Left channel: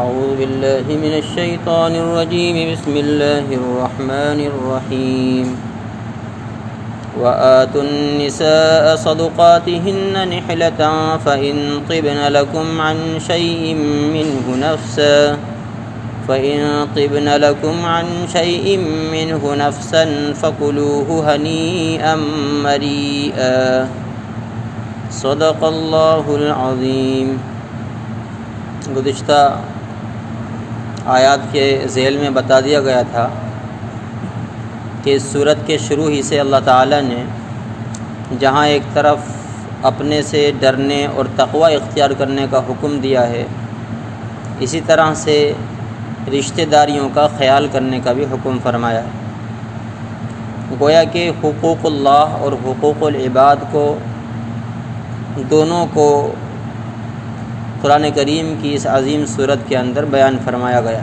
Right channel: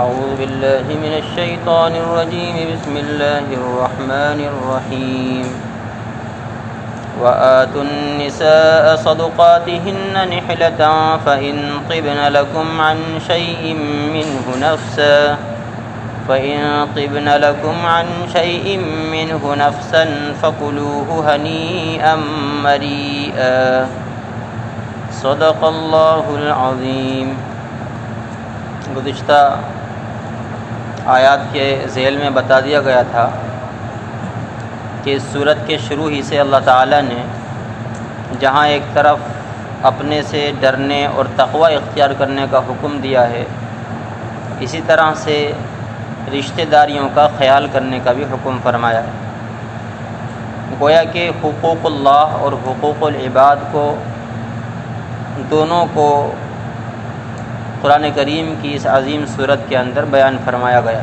أعوذ بالله من الشيطان الرجيم. بسم الله الرحمن الرحيم. وآتوا النساء صدقاتهن نحلة فإن طبن لكم عن شيء منه نفسا فكلوه هنيئا مريئا. صدق اللہ العظیم. گزشتہ آیات کے ذیل میں بتا دیا گیا تھا کہ اس صورت کے شروع ہی سے اللہ تعالیٰ نے جہاں ایک طرف اپنے سے ڈرنے اور تقوی اختیار کرنے کا حکم دیا ہے، اسی طرح سے رشتہ داریوں کا خیال کرنے کا بھی حکم فرمایا ہے. گویا کہ حقوق اللہ اور حقوق العباد کو دونوں کو قرآن کریم کی اس عظیم صورت کے اندر بیان فرمایا گیا.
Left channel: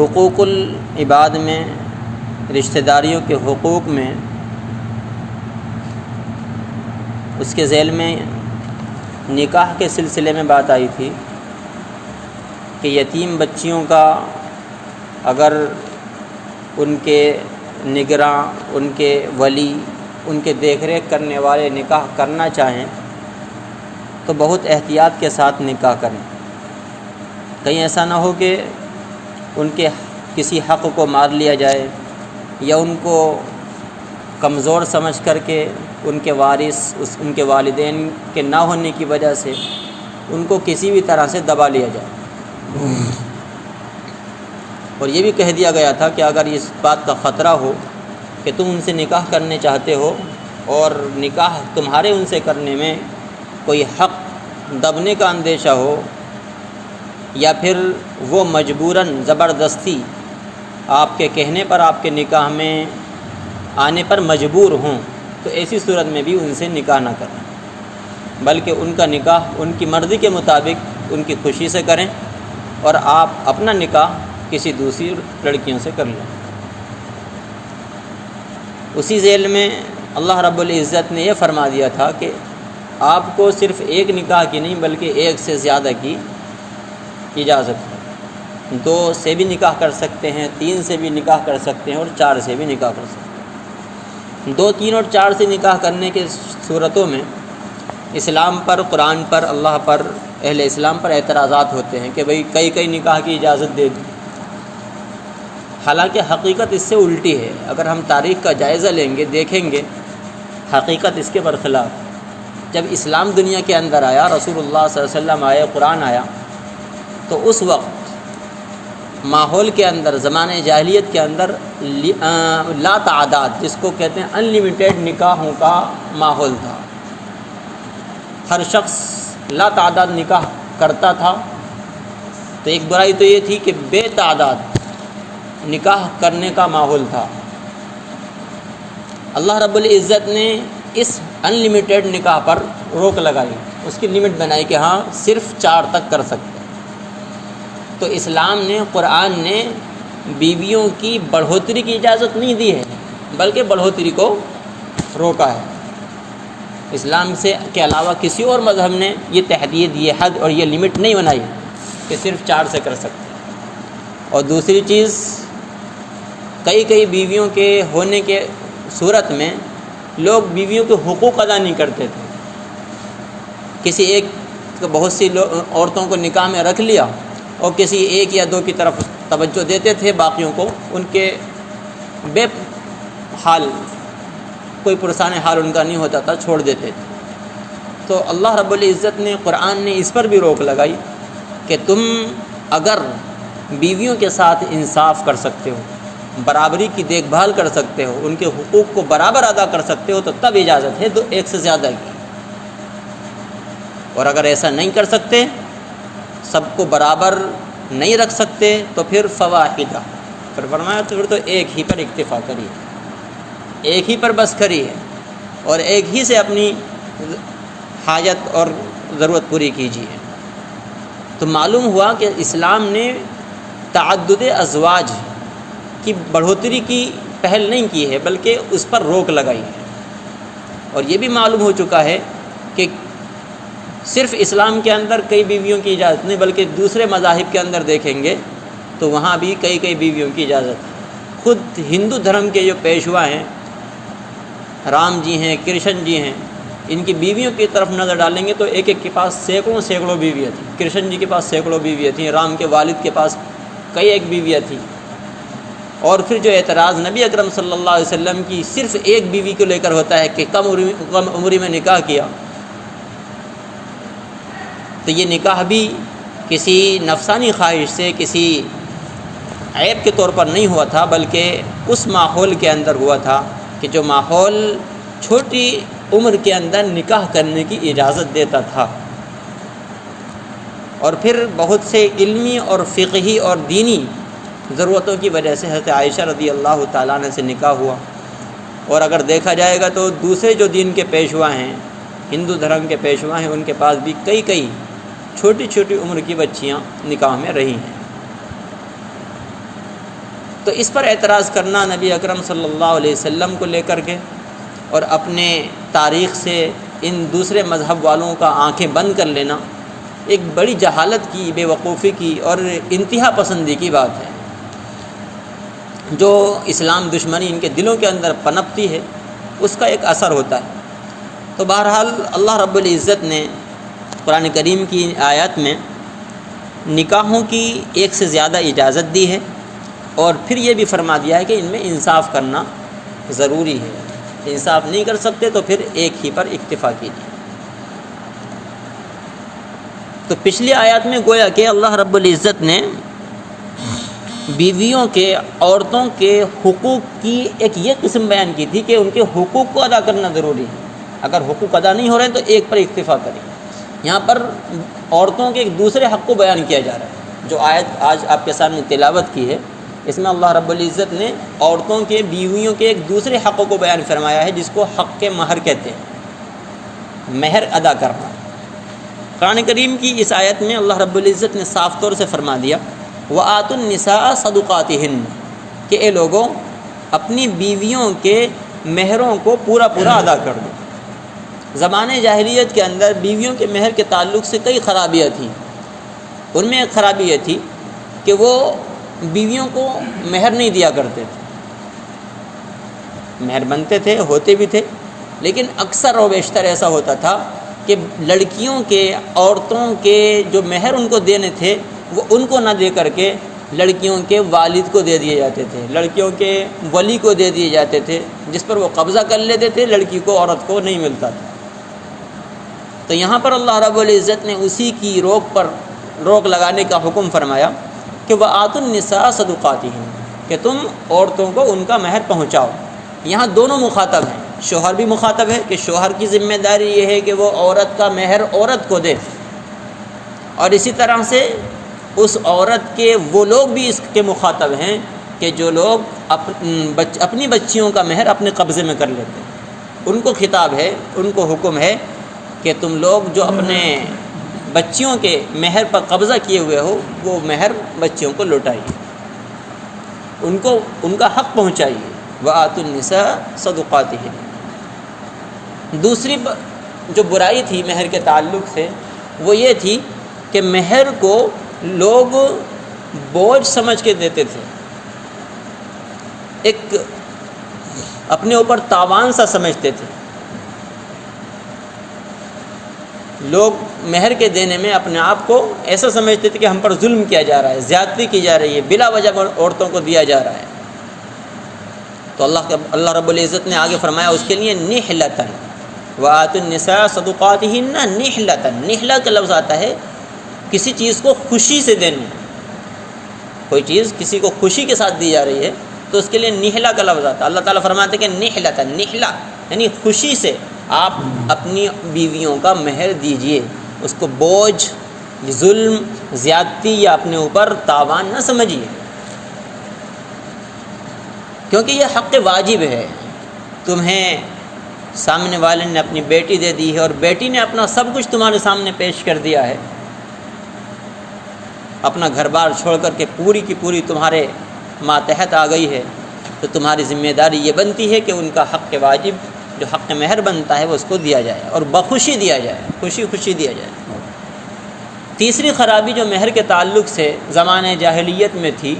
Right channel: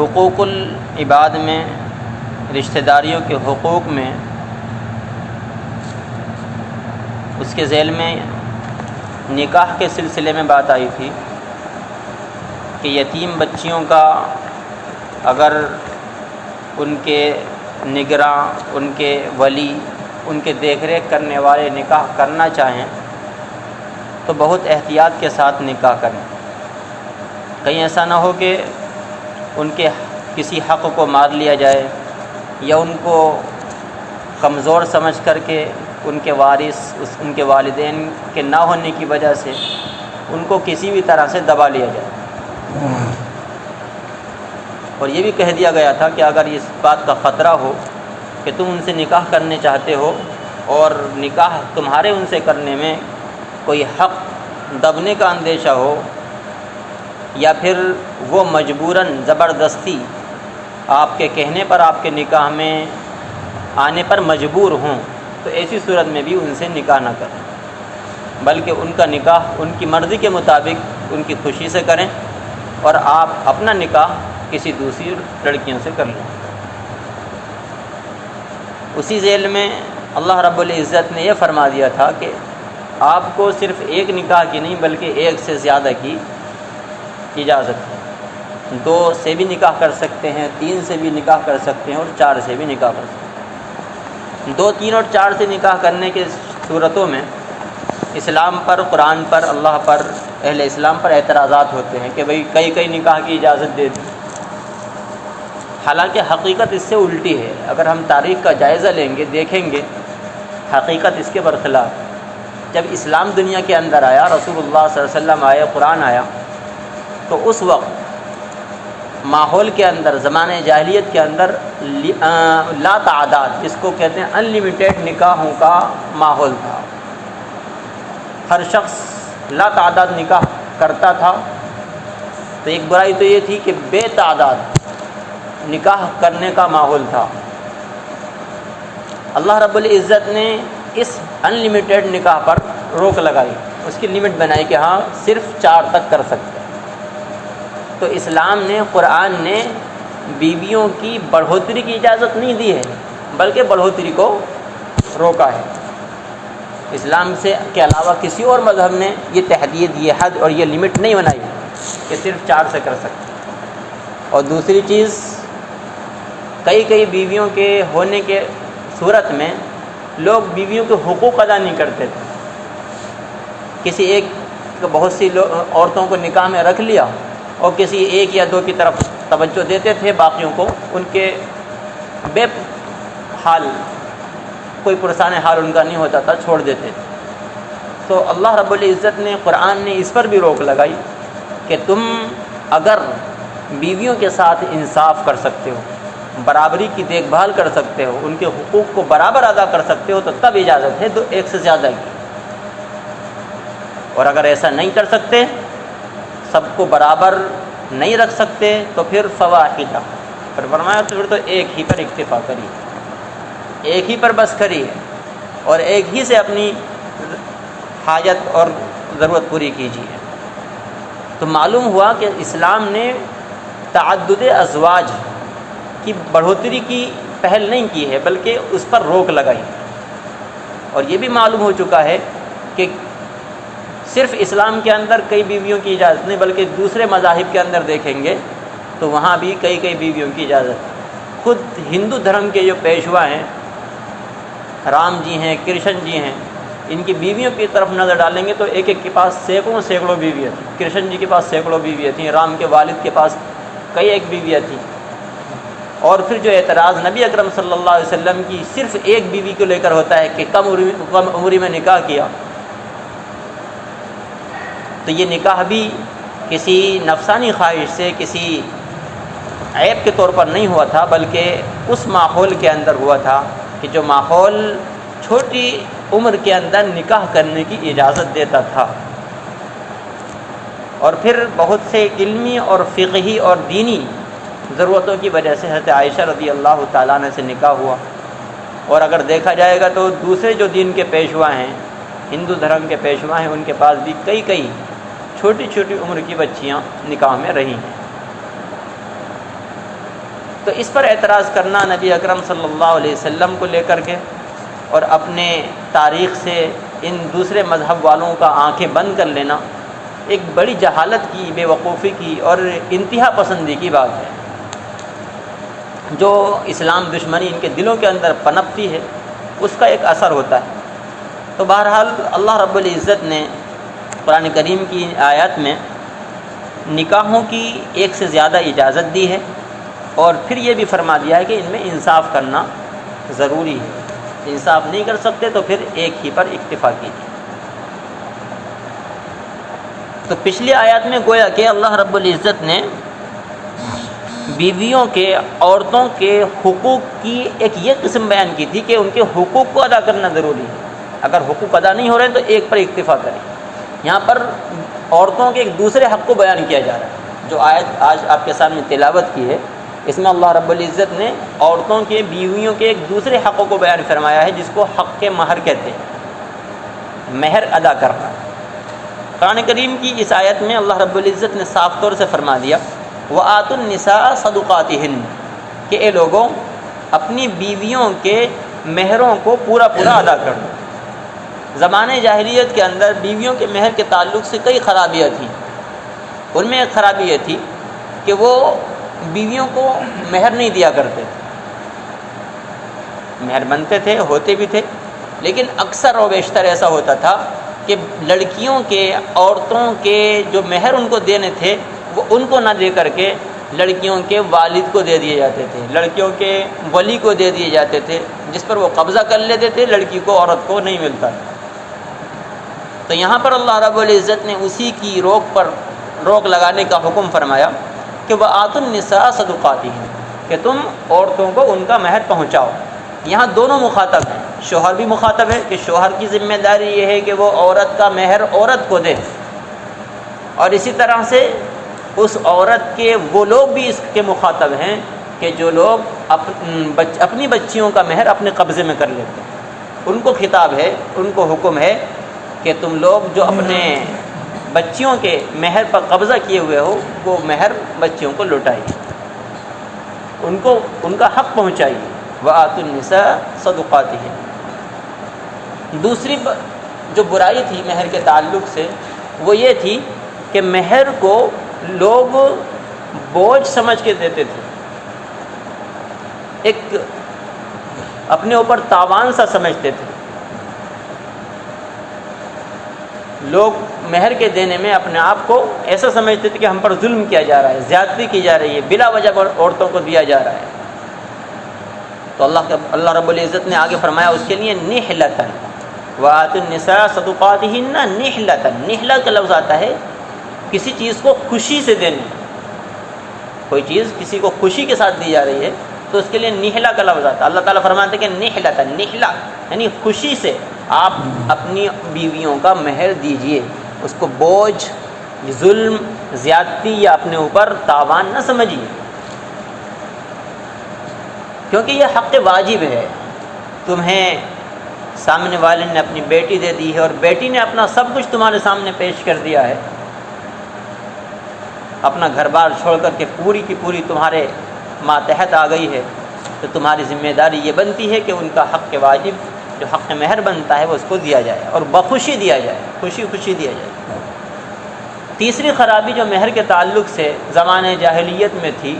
حقوق العباد میں، رشتہ داریوں کے حقوق میں، اس کے ذیل میں نکاح کے سلسلے میں بات آئی تھی کہ یتیم بچیوں کا اگر ان کے نگراں، ان کے ولی، ان کے دیکھ ریکھ کرنے والے نکاح کرنا چاہیں تو بہت احتیاط کے ساتھ نکاح کریں. کہیں ایسا نہ ہو کہ ان کے کسی حق کو مار لیا جائے یا ان کو کمزور سمجھ کر کے ان کے وارث، ان کے والدین کے نہ ہونے کی وجہ سے ان کو کسی بھی طرح سے دبا لیا جائے. اور یہ بھی کہہ دیا گیا تھا کہ اگر اس بات کا خطرہ ہو کہ تم ان سے نکاح کرنے چاہتے ہو اور نکاح تمہارے ان سے کرنے میں کوئی حق دبنے کا اندیشہ ہو یا پھر وہ مجبوراً زبردستی آپ کے کہنے پر آپ کے نکاح میں آنے پر مجبور ہوں، تو ایسی صورت میں بھی ان سے نکاح نہ کریں، بلکہ ان کا نکاح ان کی مرضی کے مطابق ان کی خوشی سے کریں اور آپ اپنا نکاح کسی دوسری لڑکیوں سے کر لیں. اسی ذیل میں اللہ رب العزت نے یہ فرما دیا تھا کہ آپ کو صرف ایک نکاح کی نہیں بلکہ ایک سے زیادہ کی اجازت ہے. 2 سے بھی نکاح کر سکتے ہیں، 3 سے بھی نکاح کر سکتے ہیں اور 4 سے بھی نکاح کر سکتے ہیں. 2، 3 اور 4 سے نکاح کرنے کے صورتوں میں اسلام پر، قرآن پر، اللہ پر، اہل اسلام پر اعتراضات ہوتے ہیں کہ بھئی کئی نکاح کی اجازت دے دی. حالانکہ حقیقت اس سے الٹی ہے. اگر ہم تاریخ کا جائزہ لیں گے، دیکھیں گے، حقیقت اس کے برخلاف. جب اسلام دنیا کے اندر آیا، رسول اللہ صلی اللہ علیہ وسلم آئے، قرآن آیا، تو اس وقت ماحول کے اندر، زمانہ جاہلیت کے اندر لا تعداد، جس کو کہتے ہیں ان لمیٹیڈ نکاحوں کا ماحول تھا. ہر شخص لا تعداد نکاح کرتا تھا. تو ایک برائی تو یہ تھی کہ بے تعداد نکاح کرنے کا ماحول تھا. اللہ رب العزت نے اس ان لمیٹیڈ نکاح پر روک لگائی، اس کی لمٹ بنائی کہ ہاں صرف 4 تک کر سکتے. تو اسلام نے، قرآن نے بیویوں کی بڑھوتری کی اجازت نہیں دی ہے بلکہ بڑھوتری کو روکا ہے. اسلام سے کے علاوہ کسی اور مذہب نے یہ تحدید، یہ حد اور یہ لمٹ نہیں بنائی کہ صرف 4 سے کر سکتے. اور دوسری چیز، کئی بیویوں کے ہونے کے صورت میں لوگ بیویوں کے حقوق ادا نہیں کرتے تھے. کسی ایک، بہت سی عورتوں کو نکاح میں رکھ لیا اور کسی ایک یا 2 کی طرف توجہ دیتے تھے، باقیوں کو ان کے بے حال، کوئی پرسان حال ان کا نہیں ہوتا تھا، چھوڑ دیتے تھے. تو اللہ رب العزت نے، قرآن نے اس پر بھی روک لگائی کہ تم اگر بیویوں کے ساتھ انصاف کر سکتے ہو، برابری کی دیکھ بھال کر سکتے ہو، ان کے حقوق کو برابر ادا کر سکتے ہو، تو تب اجازت ہے 1 سے زیادہ کی. اور اگر ایسا نہیں کر سکتے، سب کو برابر نہیں رکھ سکتے، تو پھر فواحدہ، پھر فرمایا تو پھر تو ایک ہی پر اکتفا کریے، ایک ہی پر بس کریے اور ایک ہی سے اپنی حاجت اور ضرورت پوری کیجیے. تو معلوم ہوا کہ اسلام نے تعدد ازواج کی بڑھوتری کی پہل نہیں کی ہے بلکہ اس پر روک لگائی ہے. اور یہ بھی معلوم ہو چکا ہے کہ صرف اسلام کے اندر کئی بیویوں کی اجازت نہیں، بلکہ دوسرے مذاہب کے اندر دیکھیں گے تو وہاں بھی کئی بیویوں کی اجازت ہے۔ خود ہندو دھرم کے جو پیشوا ہیں، رام جی ہیں، کرشن جی ہیں، ان کی بیویوں کی طرف نظر ڈالیں گے تو ایک کے پاس سینکڑوں بیویاں تھیں۔ کرشن جی کے پاس سینکڑوں بیویاں تھیں، رام کے والد کے پاس کئی ایک بیویاں تھیں۔ اور پھر جو اعتراض نبی اکرم صلی اللہ علیہ وسلم کی صرف ایک بیوی کو لے کر ہوتا ہے کہ کم عمری میں نکاح کیا، تو یہ نکاح بھی کسی نفسانی خواہش سے، کسی عیب کے طور پر نہیں ہوا تھا، بلکہ اس ماحول کے اندر ہوا تھا کہ جو ماحول چھوٹی عمر کے اندر نکاح کرنے کی اجازت دیتا تھا۔ اور پھر بہت سے علمی اور فقہی اور دینی ضرورتوں کی وجہ سے حضرت عائشہ رضی اللہ تعالیٰ عنہ سے نکاح ہوا۔ اور اگر دیکھا جائے گا تو دوسرے جو دین کے پیشوا ہیں، ہندو دھرم کے پیشوا ہیں، ان کے پاس بھی کئی چھوٹی عمر کی بچیاں نکاح میں رہی ہیں۔ تو اس پر اعتراض کرنا نبی اکرم صلی اللہ علیہ وسلم کو لے کر کے اور اپنے تاریخ سے ان دوسرے مذہب والوں کا آنکھیں بند کر لینا ایک بڑی جہالت کی، بے وقوفی کی اور انتہا پسندی کی بات ہے، جو اسلام دشمنی ان کے دلوں کے اندر پنپتی ہے اس کا ایک اثر ہوتا ہے۔ تو بہرحال اللہ رب العزت نے قرآن کریم کی آیات میں نکاحوں کی ایک سے زیادہ اجازت دی ہے، اور پھر یہ بھی فرما دیا ہے کہ ان میں انصاف کرنا ضروری ہے۔ انصاف نہیں کر سکتے تو پھر ایک ہی پر اکتفا کیجیے۔ تو پچھلی آیات میں گویا کہ اللہ رب العزت نے بیویوں کے، عورتوں کے حقوق کی ایک یہ قسم بیان کی تھی کہ ان کے حقوق کو ادا کرنا ضروری ہے۔ اگر حقوق ادا نہیں ہو رہے ہیں تو ایک پر اکتفا کریں۔ یہاں پر عورتوں کے ایک دوسرے حق کو بیان کیا جا رہا ہے۔ جو آیت آج آپ کے سامنے تلاوت کی ہے، اس میں اللہ رب العزت نے عورتوں کے، بیویوں کے ایک دوسرے حقوں کو بیان فرمایا ہے، جس کو حق کے مہر کہتے ہیں، مہر ادا کرنا۔ قرآن کریم کی اس آیت میں اللہ رب العزت نے صاف طور سے فرما دیا وَآتُوا النِّسَاءَ صَدُقَاتِهِنَّ کہ اے لوگوں اپنی بیویوں کے مہروں کو پورا ادا کر دو۔ زمانے جاہلیت کے اندر بیویوں کے مہر کے تعلق سے کئی خرابیاں تھیں۔ ان میں ایک خرابی یہ تھی کہ وہ بیویوں کو مہر نہیں دیا کرتے تھے۔ مہر بنتے تھے، ہوتے بھی تھے، لیکن اکثر و بیشتر ایسا ہوتا تھا کہ لڑکیوں کے، عورتوں کے جو مہر ان کو دینے تھے وہ ان کو نہ دے کر کے لڑکیوں کے والد کو دے دیے جاتے تھے، لڑکیوں کے ولی کو دے دیے جاتے تھے، جس پر وہ قبضہ کر لیتے تھے، لڑکی کو، عورت کو نہیں ملتا۔ تو یہاں پر اللہ رب العزت نے اسی کی روک لگانے کا حکم فرمایا کہ وَآتُوا النِّسَاءَ صَدُقَاتِهِنَّ کہ تم عورتوں کو ان کا مہر پہنچاؤ۔ یہاں دونوں مخاطب ہیں، شوہر بھی مخاطب ہے کہ شوہر کی ذمہ داری یہ ہے کہ وہ عورت کا مہر عورت کو دے، اور اسی طرح سے اس عورت کے وہ لوگ بھی اس کے مخاطب ہیں کہ جو لوگ اپنی بچیوں کا مہر اپنے قبضے میں کر لیتے ہیں۔ ان کو خطاب ہے، ان کو حکم ہے کہ تم لوگ جو اپنے بچیوں کے مہر پر قبضہ کیے ہوئے ہو وہ مہر بچیوں کو لوٹائیے، ان کو ان کا حق پہنچائیے۔ وَآتُوا النِّسَاءَ صَدُقَاتِهِنَّ۔ دوسری جو برائی تھی مہر کے تعلق سے وہ یہ تھی کہ مہر کو لوگ بوجھ سمجھ کے دیتے تھے، ایک اپنے اوپر تاوان سا سمجھتے تھے۔ لوگ مہر کے دینے میں اپنے آپ کو ایسا سمجھتے تھے کہ ہم پر ظلم کیا جا رہا ہے، زیادتی کی جا رہی ہے، بلا وجہ عورتوں کو دیا جا رہا ہے۔ تو اللہ رب العزت نے آگے فرمایا اس کے لیے نحلتن وآتوا النساء صدقاتهن نحلتن۔ نحلہ کا لفظ آتا ہے کسی چیز کو خوشی سے دینے، کوئی چیز کسی کو خوشی کے ساتھ دی جا رہی ہے تو اس کے لیے نحلہ کا لفظ آتا ہے۔ اللہ تعالیٰ فرماتے ہیں کہ نحلتن، نحلہ یعنی خوشی سے آپ اپنی بیویوں کا مہر دیجئے، اس کو بوجھ، ظلم، زیادتی یا اپنے اوپر تاوان نہ سمجھیے، کیونکہ یہ حق واجب ہے۔ تمہیں سامنے والے نے اپنی بیٹی دے دی ہے اور بیٹی نے اپنا سب کچھ تمہارے سامنے پیش کر دیا ہے، اپنا گھر بار چھوڑ کر کے پوری کی پوری تمہارے ماتحت آ گئی ہے، تو تمہاری ذمہ داری یہ بنتی ہے کہ ان کا حق واجب جو حق مہر بنتا ہے وہ اس کو دیا جائے اور بخوشی دیا جائے، خوشی خوشی دیا جائے۔ تیسری خرابی جو مہر کے تعلق سے زمانہ جاہلیت میں تھی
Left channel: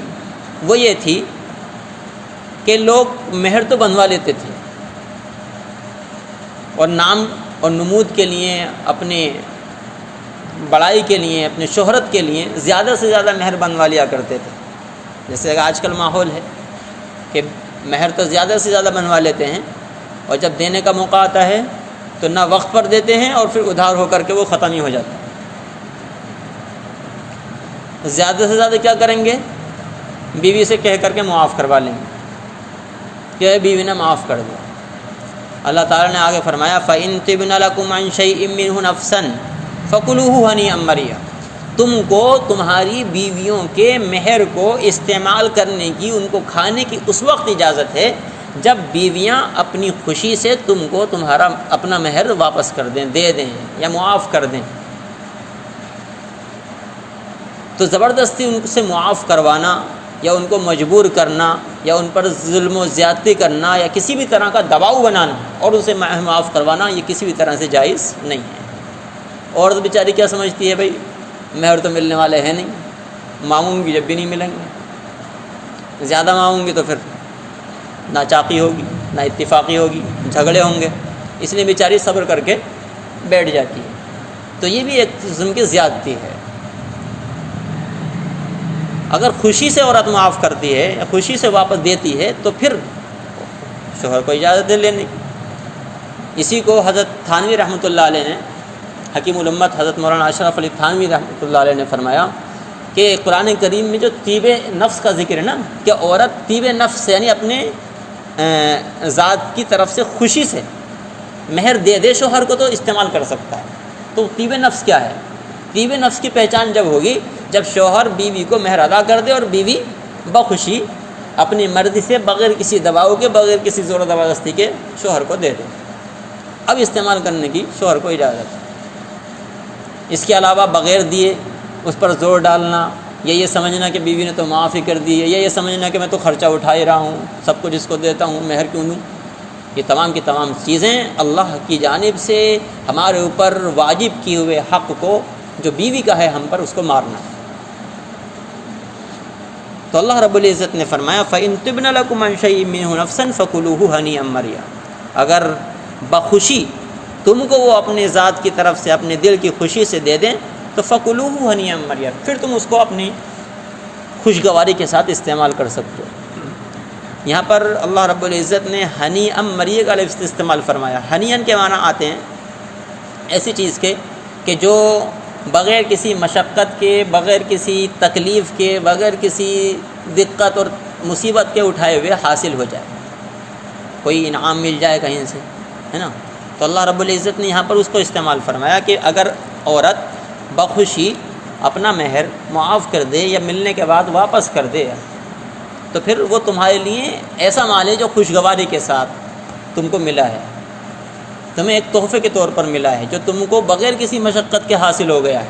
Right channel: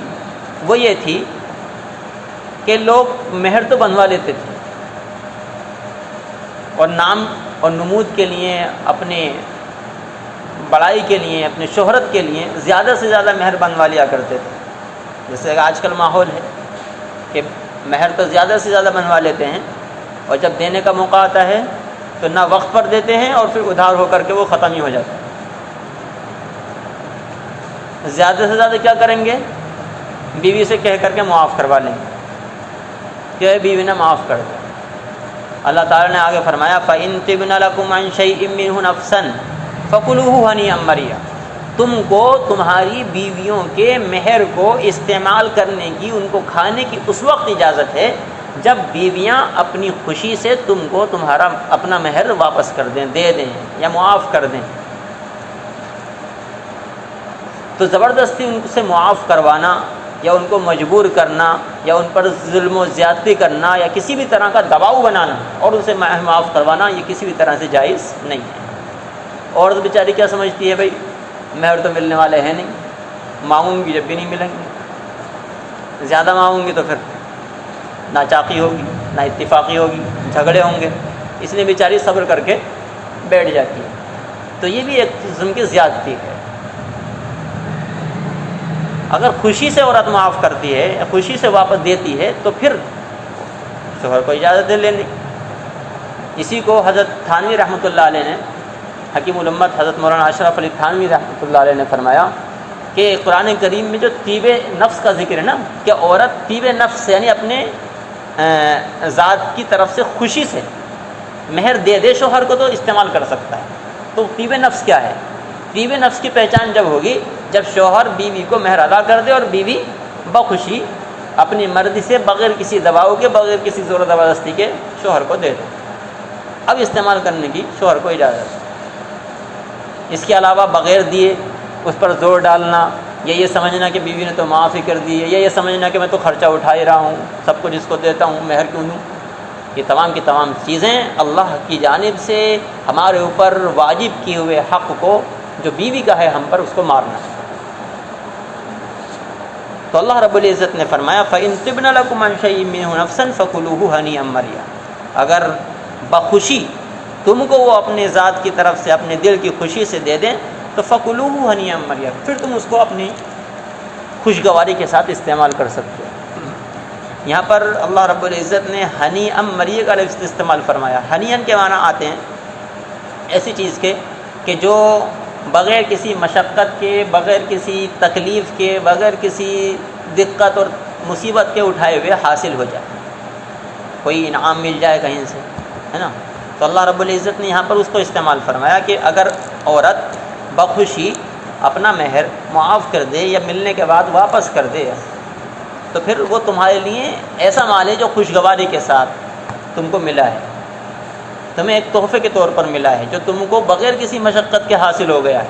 وہ یہ تھی کہ لوگ مہر تو بنوا لیتے تھے اور نام اور نمود کے لیے، اپنے بڑائی کے لیے، اپنے شہرت کے لیے زیادہ سے زیادہ مہر بنوا لیا کرتے تھے. جیسے کہ آج کل ماحول ہے کہ مہر تو زیادہ سے زیادہ بنوا لیتے ہیں اور جب دینے کا موقع آتا ہے تو نہ وقت پر دیتے ہیں اور پھر ادھار ہو کر کے وہ ختم ہی ہو جاتا ہے. زیادہ سے زیادہ کیا کریں گے؟ بیوی سے کہہ کر کے معاف کروا لیں گے کہ اے بیوی نے معاف کر دو. اللہ تعالیٰ نے آگے فرمایا فَإِن طِبْنَ لَكُمْ عَنْ شَيْءٍ مِّنْهُ نَفْسًا فَكُلُوهُ هَنِيئًا مَرِيئًا. تم کو تمہاری بیویوں کے مہر کو استعمال کرنے کی، ان کو کھانے کی اس وقت اجازت ہے جب بیویاں اپنی خوشی سے تم کو تمہارا اپنا مہر واپس کر دیں، دے دیں یا معاف کر دیں. تو زبردستی ان سے معاف کروانا یا ان کو مجبور کرنا یا ان پر ظلم و زیادتی کرنا یا کسی بھی طرح کا دباؤ بنانا اور اسے معاف کروانا یہ کسی بھی طرح سے جائز نہیں ہے. عورت بیچاری کیا سمجھتی ہے، بھائی مہر تو ملنے والے ہیں نہیں، مانگوں گی جب بھی نہیں ملیں گے، زیادہ مانگوں گی تو پھر نہ چاقی ہوگی نہ اتفاقی ہوگی، جھگڑے ہوں گے، اس لیے بیچاری صبر کر کے بیٹھ جاتی ہے. تو یہ بھی ایک قسم کی زیادتی ہے. اگر خوشی سے عورت معاف کرتی ہے یا خوشی سے واپس دیتی ہے تو پھر شوہر کو اجازت دے لینی. اسی کو حضرت تھانوی رحمۃ اللہ علیہ نے، حکیم الامت حضرت مولانا اشرف علی تھانوی رحمۃ اللہ علیہ نے فرمایا کہ قرآن کریم میں جو طیب نفس کا ذکر ہے نا، کہ عورت طیب نفس یعنی اپنے ذات کی طرف سے خوشی سے مہر دے دے شوہر کو تو استعمال کر سکتا ہے. تو طیب نفس کیا ہے؟ طیب نفس کی پہچان جب ہوگی جب شوہر بیوی کو مہر ادا کر دے اور بیوی بخوشی اپنی مرضی سے بغیر کسی دباؤ کے، بغیر کسی زور و زبردستی کے شوہر کو دے دے. اب استعمال کرنے کی شوہر کو اجازت ہے. اس کے علاوہ بغیر دیے اس پر زور ڈالنا یا یہ سمجھنا کہ بیوی نے تو معافی کر دی ہے، یا یہ سمجھنا کہ میں تو خرچہ اٹھا ہی رہا ہوں، سب کچھ اس کو دیتا ہوں، مہر کیوں دوں، یہ تمام کی تمام چیزیں اللہ کی جانب سے ہمارے اوپر واجب کیے ہوئے حق کو جو بیوی کا ہے ہم پر، اس کو مارنا ہے. تو اللہ رب العزت نے فرمایا فَإِن طِبْنَ لَكُمْ عَنْ شَيْءٍ مِّنْهُ نَفْسًا فَكُلُوهُ هَنِيئًا مَرِيئًا. اگر بخوشی تم کو وہ اپنے ذات کی طرف سے اپنے دل کی خوشی سے دے دیں تو فَكُلُوهُ هَنِيئًا مَرِيئًا، پھر تم اس کو اپنی خوشگواری کے ساتھ استعمال کر سکتے ہو. یہاں پر اللہ رب العزت نے ہنیئًا مریئًا کا لفظ استعمال فرمایا. ہنیئًا کے معنی آتے ہیں ایسی چیز کے کہ جو بغیر کسی مشقت کے، بغیر کسی تکلیف کے، بغیر کسی دقت اور مصیبت کے اٹھائے ہوئے حاصل ہو جائے، کوئی انعام مل جائے کہیں سے، ہے نا. تو اللہ رب العزت نے یہاں پر اس کو استعمال فرمایا کہ اگر عورت بخوشی اپنا مہر معاف کر دے یا ملنے کے بعد واپس کر دے تو پھر وہ تمہارے لیے ایسا مال ہے جو خوشگواری کے ساتھ تم کو ملا ہے، تمہیں ایک تحفے کے طور پر ملا ہے جو تم کو بغیر کسی مشقت کے حاصل ہو گیا ہے.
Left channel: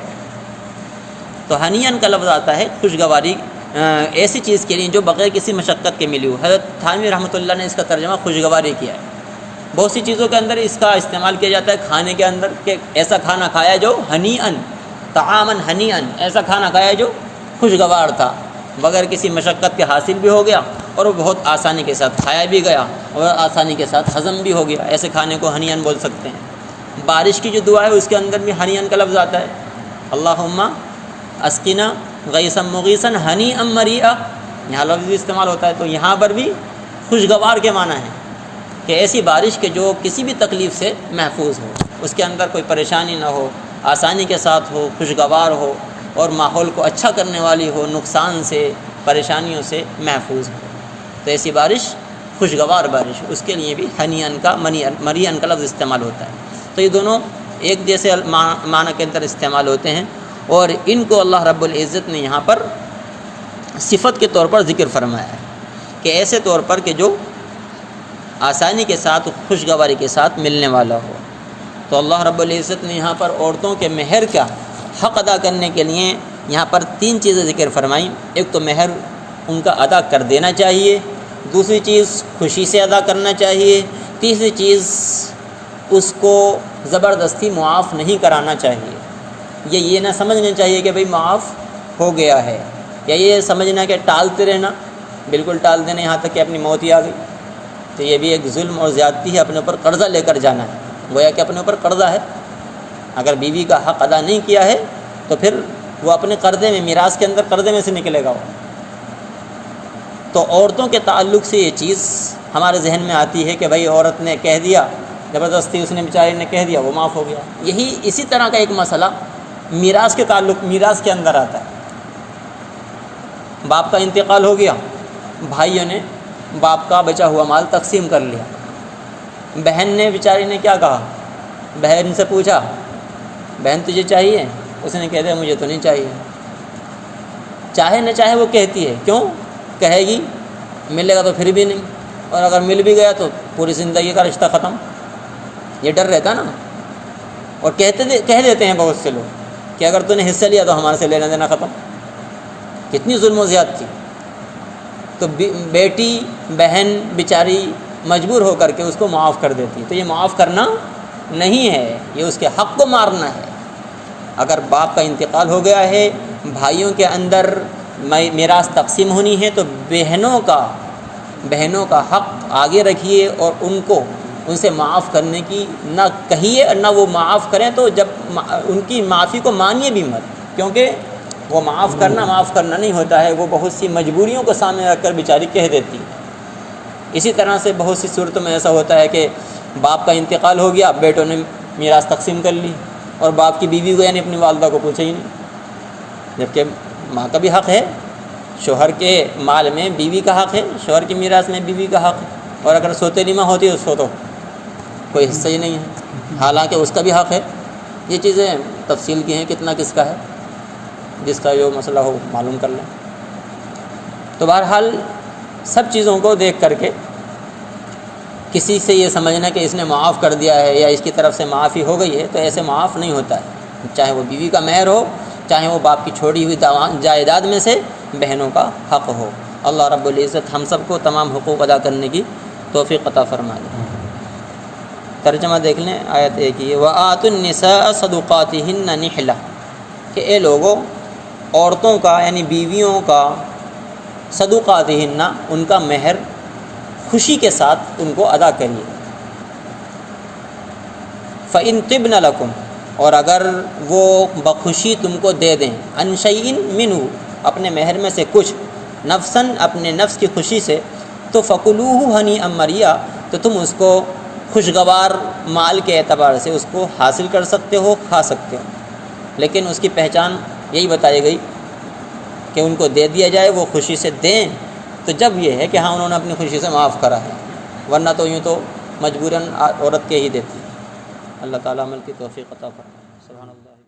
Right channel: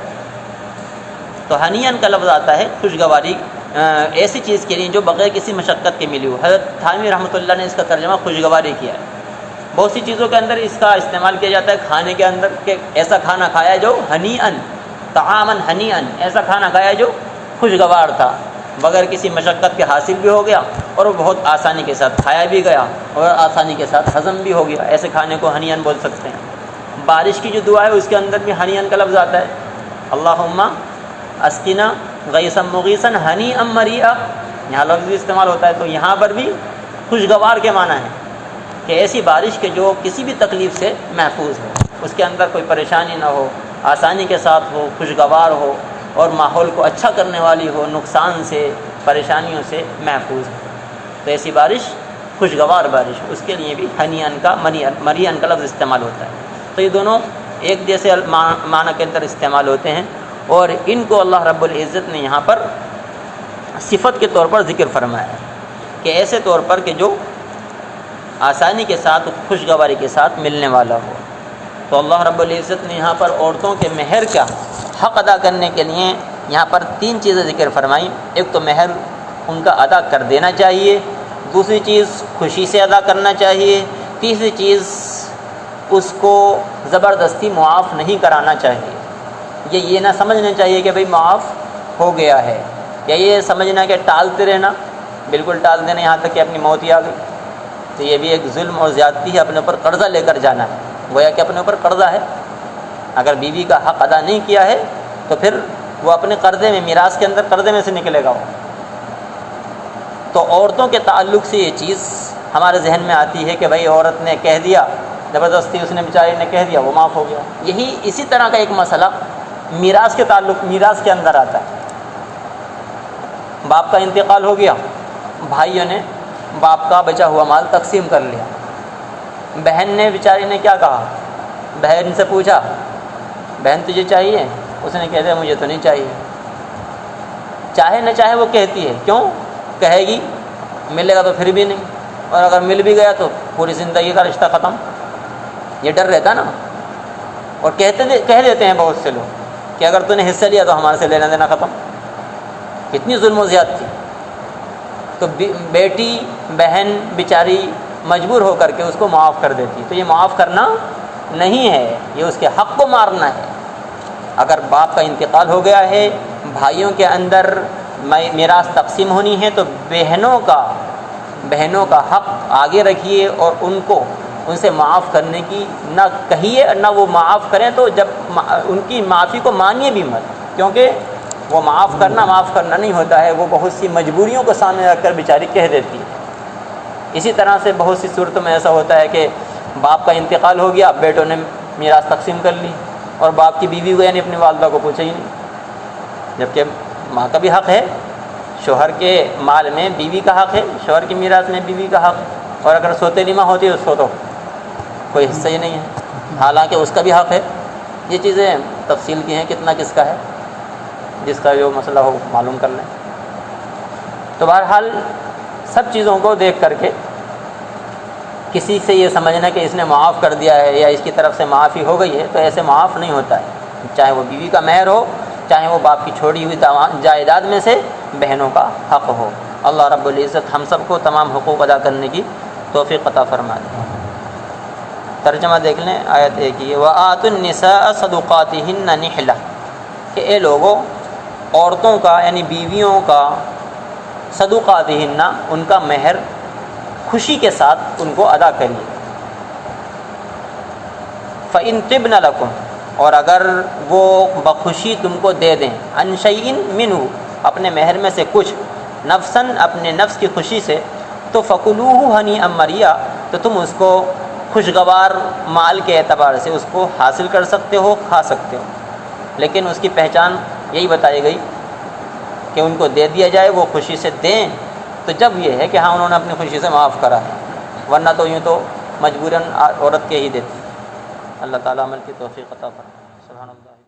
تو ہنیئن کا لفظ آتا ہے خوشگواری ایسی چیز کے لیے جو بغیر کسی مشقت کے ملی ہو. حضرت تھانوی رحمۃ اللہ نے اس کا ترجمہ خوشگواری کیا ہے. بہت سی چیزوں کے اندر اس کا استعمال کیا جاتا ہے، کھانے کے اندر کہ ایسا کھانا کھایا جو ہنیئن، طعامن ہنیئن، ایسا کھانا کھایا جو خوشگوار تھا، بغیر کسی مشقت کے حاصل بھی ہو گیا اور وہ بہت آسانی کے ساتھ کھایا بھی گیا اور آسانی کے ساتھ ہضم بھی ہو گیا. ایسے کھانے کو ہنیئن بول سکتے ہیں. بارش کی جو دعا ہے اس کے اندر بھی ہنیئن کا لفظ آتا ہے، اللہم اسقنا غیثا مغیثا ہنیئا مریئا، یہاں لفظ بھی استعمال ہوتا ہے. تو یہاں پر بھی خوشگوار کے معنی ہے کہ ایسی بارش کے جو کسی بھی تکلیف سے محفوظ ہو، اس کے اندر کوئی پریشانی نہ ہو، آسانی کے ساتھ ہو، خوشگوار ہو اور ماحول کو اچھا کرنے والی ہو، نقصان سے، پریشانیوں سے محفوظ ہو. تو ایسی بارش خوشگوار بارش، اس کے لیے بھی ہنیئن کا مریئن کا لفظ استعمال ہوتا ہے. تو یہ دونوں ایک جیسے معنی کے اندر استعمال ہوتے ہیں اور ان کو اللہ رب العزت نے یہاں پر صفت کے طور پر ذکر فرمایا ہے کہ ایسے طور پر کہ جو آسانی کے ساتھ، خوشگواری کے ساتھ ملنے والا ہو. تو اللہ رب العزت نے یہاں پر عورتوں کے مہر کا حق ادا کرنے کے لیے یہاں پر 3 چیزیں ذکر فرمائیں. ایک تو مہر ان کا ادا کر دینا چاہیے، دوسری چیز خوشی سے ادا کرنا چاہیے، تیسری چیز اس کو زبردستی معاف نہیں کرانا چاہیے. یہ نہ سمجھنا چاہیے کہ بھئی معاف ہو گیا ہے، یا یہ سمجھنا کہ ٹالتے رہنا، بالکل ٹال دینا یہاں تک کہ اپنی موت ہی آ گئی، تو یہ بھی ایک ظلم اور زیادتی ہے، اپنے اوپر قرضہ لے کر جانا ہے، گویا کہ اپنے اوپر قرضہ ہے۔ اگر بیوی کا حق ادا نہیں کیا ہے تو پھر وہ اپنے قرضے میں، میراث کے اندر قرضے میں سے نکلے گا وہ۔ تو عورتوں کے تعلق سے یہ چیز ہمارے ذہن میں آتی ہے کہ بھئی عورت نے کہہ دیا، زبردستی اس نے بیچاری نے کہہ دیا، وہ معاف ہو گیا۔ یہی اسی طرح کا ایک مسئلہ میراث کے تعلق، میراث کے اندر آتا ہے۔ باپ کا انتقال ہو گیا، بھائیوں نے باپ کا بچا ہوا مال تقسیم کر لیا۔ بہن نے بیچاری نے کیا کہا؟ بہن سے پوچھا، بہن تجھے چاہیے؟ اس نے کہہ دیا مجھے تو نہیں چاہیے۔ چاہے نہ چاہے وہ کہتی ہے، کیوں کہے گی؟ ملے گا تو پھر بھی نہیں، اور اگر مل بھی گیا تو پوری زندگی کا رشتہ ختم، یہ ڈر رہتا ہے نا۔ اور کہہ دیتے ہیں بہت سے لوگ کہ اگر تو نے حصہ لیا تو ہمارے سے لینا دینا ختم۔ کتنی ظلم و زیادتی! تو بیٹی بہن بیچاری مجبور ہو کر کے اس کو معاف کر دیتی، تو یہ معاف کرنا نہیں ہے، یہ اس کے حق کو مارنا ہے۔ اگر باپ کا انتقال ہو گیا ہے، بھائیوں کے اندر میراث تقسیم ہونی ہے، تو بہنوں کا حق آگے رکھیے اور ان سے معاف کرنے کی نہ کہیے، نہ وہ معاف کریں، تو جب ان کی معافی کو مانیے بھی مت، کیونکہ وہ معاف کرنا نہیں ہوتا ہے، وہ بہت سی مجبوریوں کو سامنے رکھ کر بیچاری کہہ دیتی ہے۔ اسی طرح سے بہت سی صورتوں میں ایسا ہوتا ہے کہ باپ کا انتقال ہو گیا، بیٹوں نے میراث تقسیم کر لی، اور باپ کی بیوی کو یعنی اپنی والدہ کو پوچھا ہی نہیں، جبکہ ماں کا بھی حق ہے، شوہر کے مال میں بیوی کا حق ہے، شوہر کی میراث میں بیوی کا حق ہے، اور اگر سوتیلی ماں ہوتی ہے اس کو تو کوئی حصہ ہی نہیں ہے، حالانکہ اس کا بھی حق ہے۔ یہ چیزیں تفصیل کی ہیں، کتنا کس کا ہے، جس کا جو مسئلہ ہو معلوم کر لیں۔ تو بہرحال سب چیزوں کو دیکھ کر کے کسی سے یہ سمجھنا کہ اس نے معاف کر دیا ہے یا اس کی طرف سے معافی ہو گئی ہے، تو ایسے معاف نہیں ہوتا ہے، چاہے وہ بیوی کا مہر ہو، چاہے وہ باپ کی چھوڑی ہوئی جائیداد میں سے بہنوں کا حق ہو۔ اللہ رب العزت ہم سب کو تمام حقوق ادا کرنے کی توفیق عطا فرمائے۔ ترجمہ دیکھ لیں آیت 1 کی، وَآتُوا النِّسَاءَ صَدُقَاتِهِنَّ نِحْلَةً، کہ اے لوگوں عورتوں کا یعنی بیویوں کا صدقاتہن، ان کا مہر خوشی کے ساتھ ان کو ادا کریے۔ فَإِن طِبْنَ لَكُمْ، اور اگر وہ بخوشی تم کو دے دیں، عَنْ شَيْءٍ مِّنْهُ، اپنے مہر میں سے کچھ، نفساً اپنے نفس کی خوشی سے، تو فَكُلُوهُ هَنِيئًا مَرِيئًا، تو تم اس کو خوشگوار مال کے اعتبار سے اس کو حاصل کر سکتے ہو، کھا سکتے ہو، لیکن اس کی پہچان یہی بتائی گئی کہ ان کو دے دیا جائے، وہ خوشی سے دیں، تو جب یہ ہے کہ ہاں انہوں نے اپنی خوشی سے معاف کرا ہے، ورنہ تو یوں تو مجبوراً عورت کے ہی دیتی۔ اللہ تعالیٰ عمل کی توفیق عطا فرمائے۔ سبحان اللہ۔